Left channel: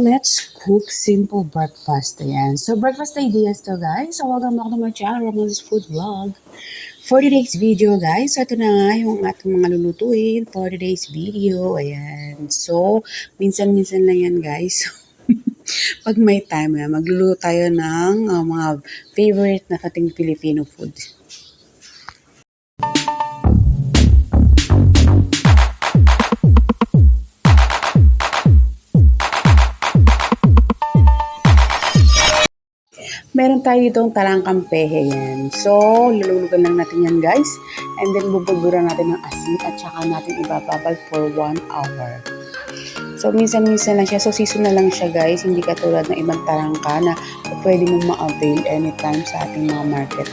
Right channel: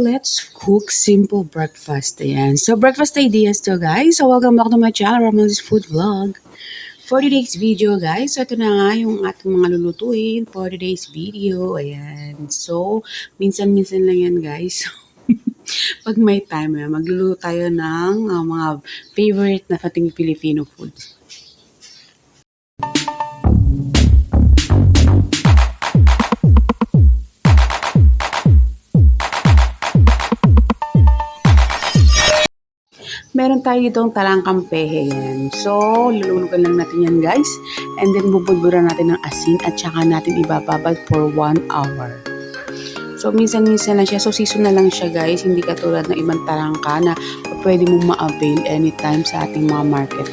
let's cook simple breakfast. Ayan. So, breakfast ideas to, guys. So, welcome back to my channel, Ramon's Food Vlog. For today's video, guys, so ito na nga yung ating mga lulutuin for today's video. Ayan. So, minsan-minsan lang yan, guys. Pag may time, magluluto tayo ng mga favorite na ating Filipino food. Meron tayo ditong talangkang pehe yan. So, lulunugan lang natin yan, guys. And then, bubudburan natin ng asin at saka natin ibababad for 1 hour. So, minsan-minsan lang siya. So, season na lang siya, guys. Hindi katulad ng ibang talangka na pwede mong ma-avail anytime sa ating mga market.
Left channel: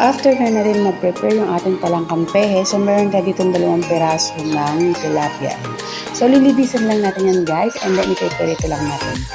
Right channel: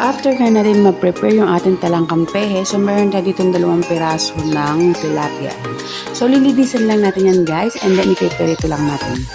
After na natin mag-prepare yung ating talangkang pehe, so meron na ditong 2 piraso ng tilapia. So lilibisan lang natin yan, guys, and then ito lang natin.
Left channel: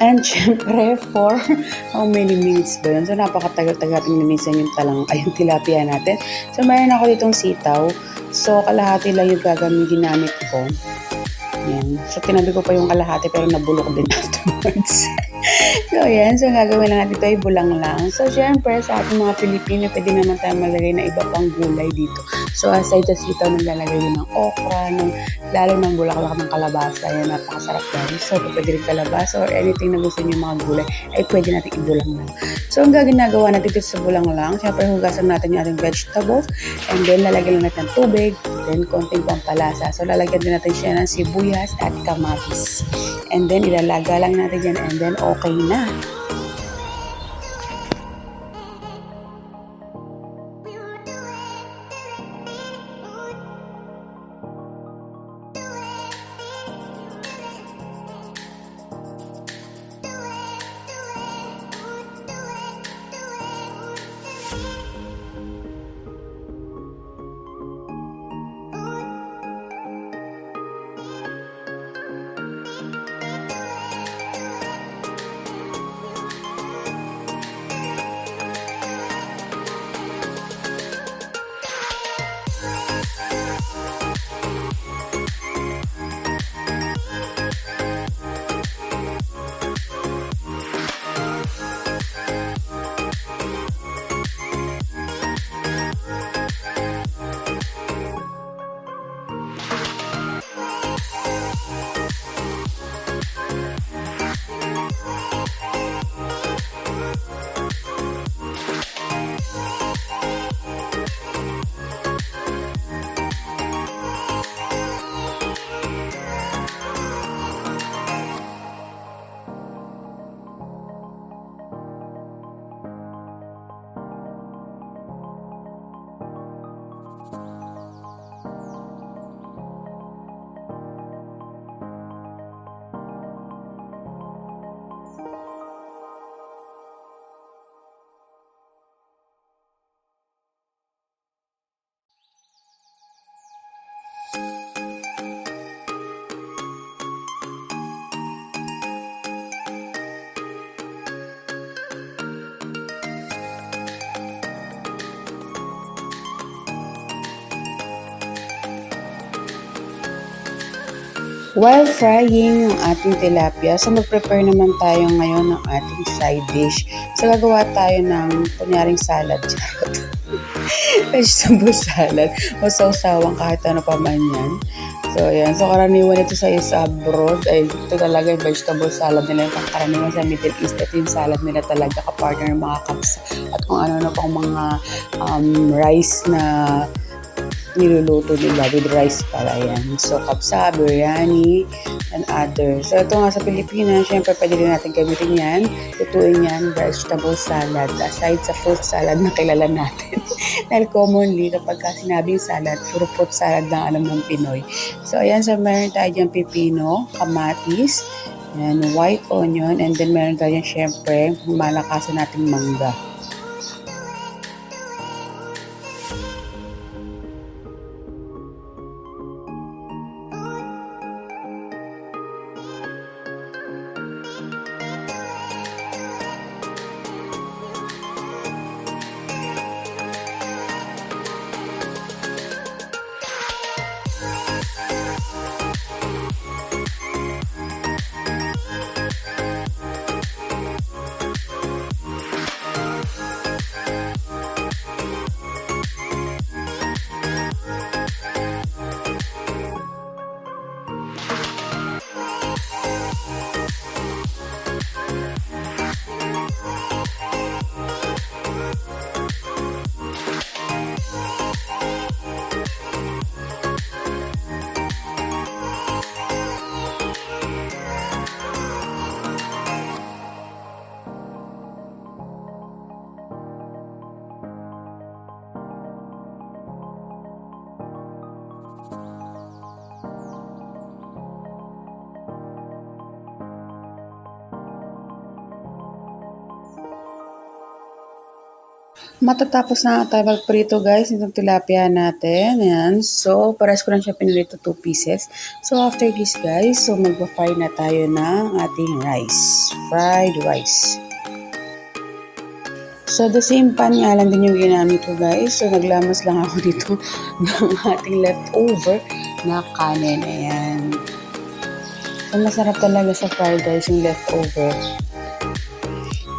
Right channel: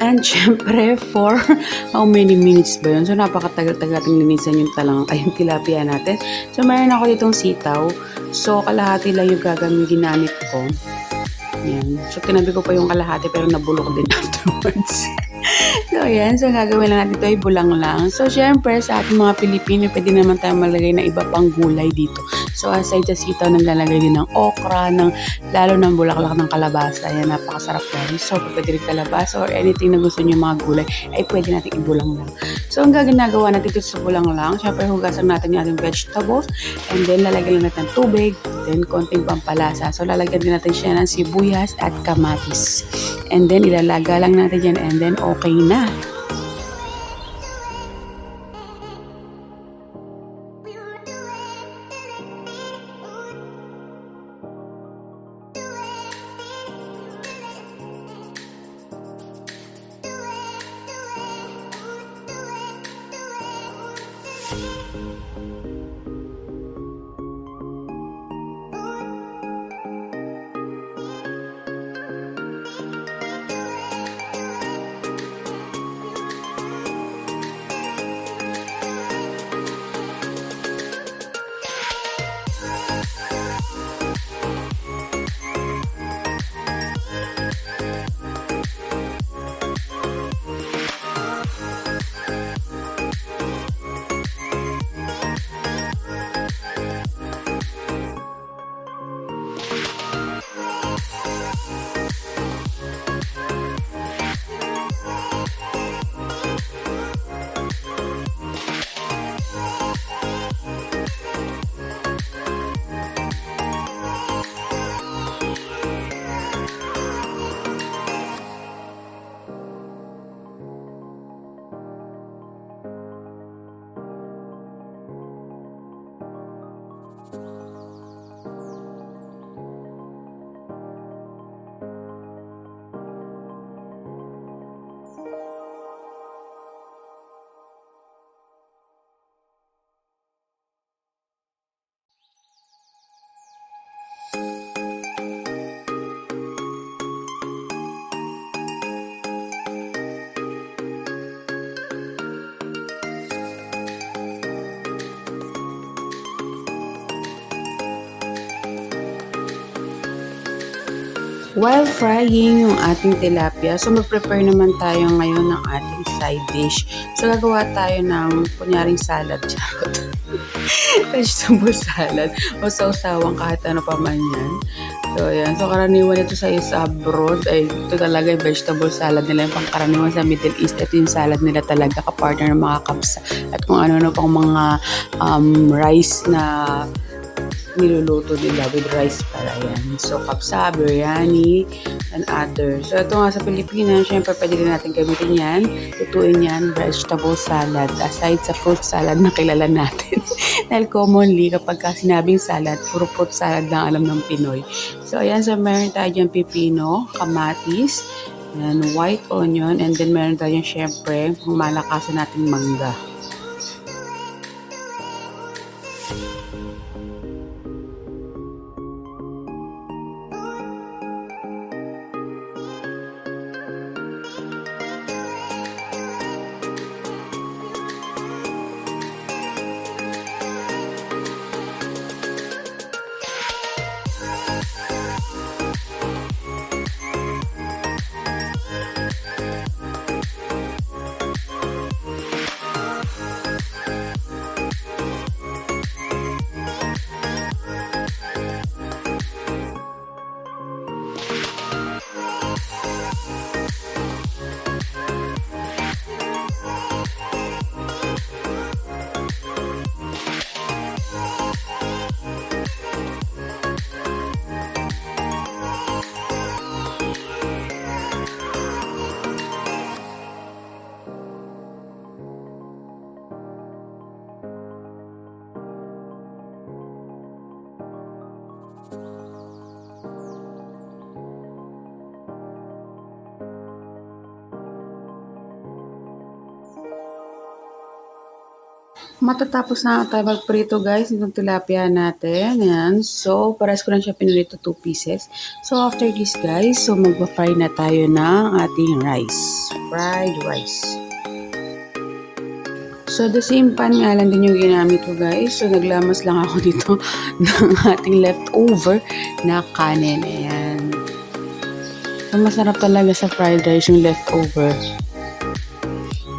And syempre, for how many minutes ba yun? So, napakatagal-tagal ating linisan yung yung tilapia natin. So, mayroon ako ditong sitaw. So, kalahati lang yung ginamit ko. Yan. So, tinabi ko pa yung kalahati pero nabulok din afterwards. So, yan. So, gagawin lang natin ito ay bulang lang. So, syempre, sa ating mga Pilipino, pwede naman tayo malagay na iba pang gulay dito. So, aside sa sitaw, naglalagay din ng okra, lalo ng bulaklak ng kalabasa. Yan, napakasarap yan. So, pwede rin kalabasa or anything na gusto nyo mga gulay, ay pwede natin ibulang lang. So, ang ginagawa natin dito sa bulang lang, syempre, hugasan natin yung ating vegetables, and then, lalagyan lang natin ng tubig, then, konting pampalasa. So, lalagyan din natin siya ng sibuyas at kamatis. And then, ilalaga lang natin yan, and then, okay na. While frying yung ating tilapia, so mag-prepare naman tayo ngayon ng ating side dish. So gagawa tayo ng kunyaring salad, charot. Vegetable salad o sausawang kahit ano pa man yan. So ayan, so karaniwan ito sa abroad ay ito talaga yung vegetable salad nila, yung pangkaraniwan sa Middle East. Ito yung salad nila talaga kapartner ng mga kapsa at kung ano-ano pang mga rice na niluluto nila with rice pala yan. So, kapsa, biryani, and others. So, ito nga sa Pilipinas, syempre pwede rin natin gamitin yan. Lutuin yan, vegetable salad. Aside sa fruit salad na kilala natin. Dahil commonly, kapag sinabing salad, puro fruit salad lang alam ng Pinoy. So, ayan. So, meron tayo dyan pipino, kamatis, and white onion, and then meron tayo dyan syempre, malakasan nating mangga. Matatapos na tayo magprito guys itong tilapia natin. Ayan. So, pares ko lang siya pinirito 2 pieces. So, after this guys, so magpa-fry na tayo ng ating rice. Fried rice. So, the same pan nga lang din yung ginamit ko guys. So, naglamas lang ako dito ng ating leftover na kanin. Ayan. So, masarap talaga sa fried rice yung leftover.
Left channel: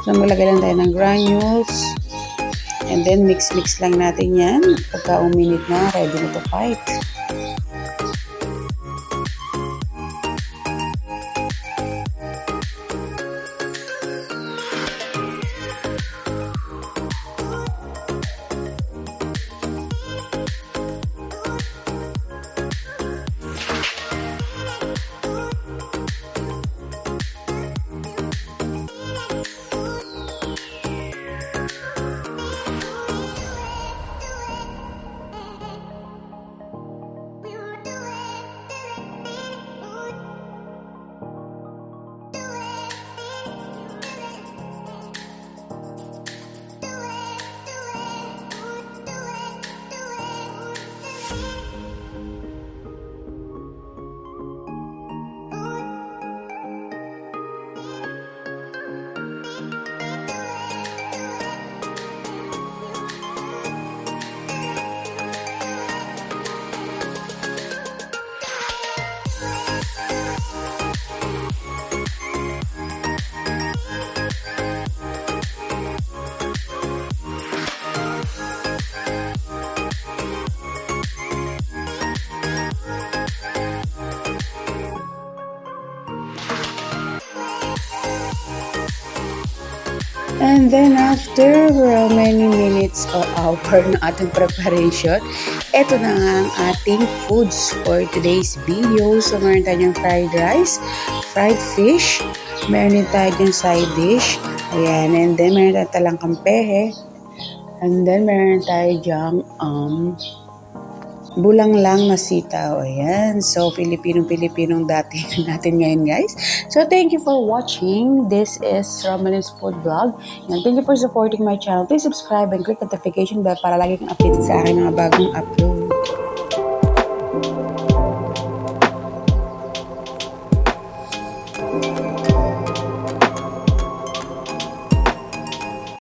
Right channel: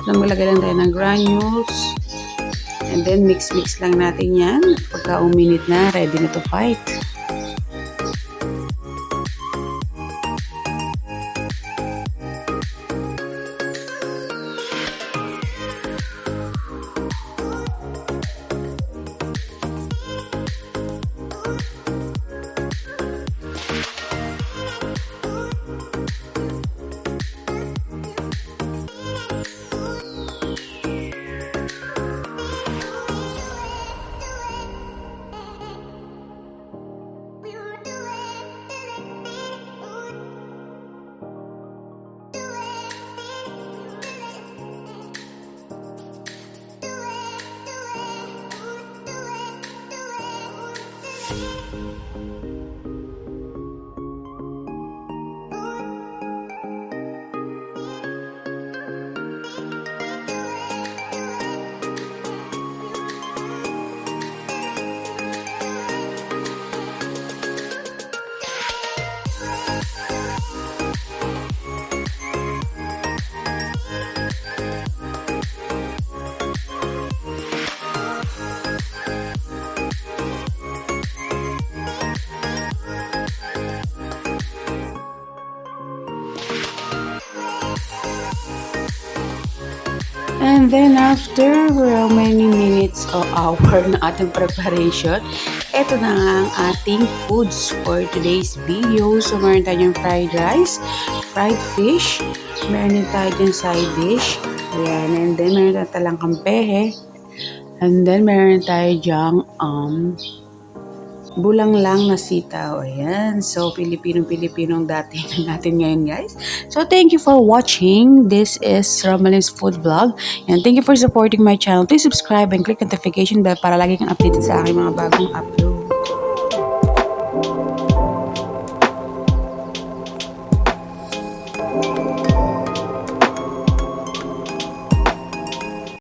So, maglagay lang tayo ng granules. And then, mix-mix lang natin yan. Pagka uminit na, ready na to fight. And then after how many minutes o hour na ating preparation, ito na nga ang ating foods for today's video. So meron tayong fried rice, fried fish, meron din tayong side dish, ayan, and then meron tayong talangkang pehe, and then meron tayo dyang bulang lang na sitaw. Ayan. So, Filipinong dating natin ngayon, guys. So, thank you for watching. This is Romalin's Food Vlog. And thank you for supporting my channel. Please subscribe and click notification bell para lagi kang updated sa aking mga bagong upload.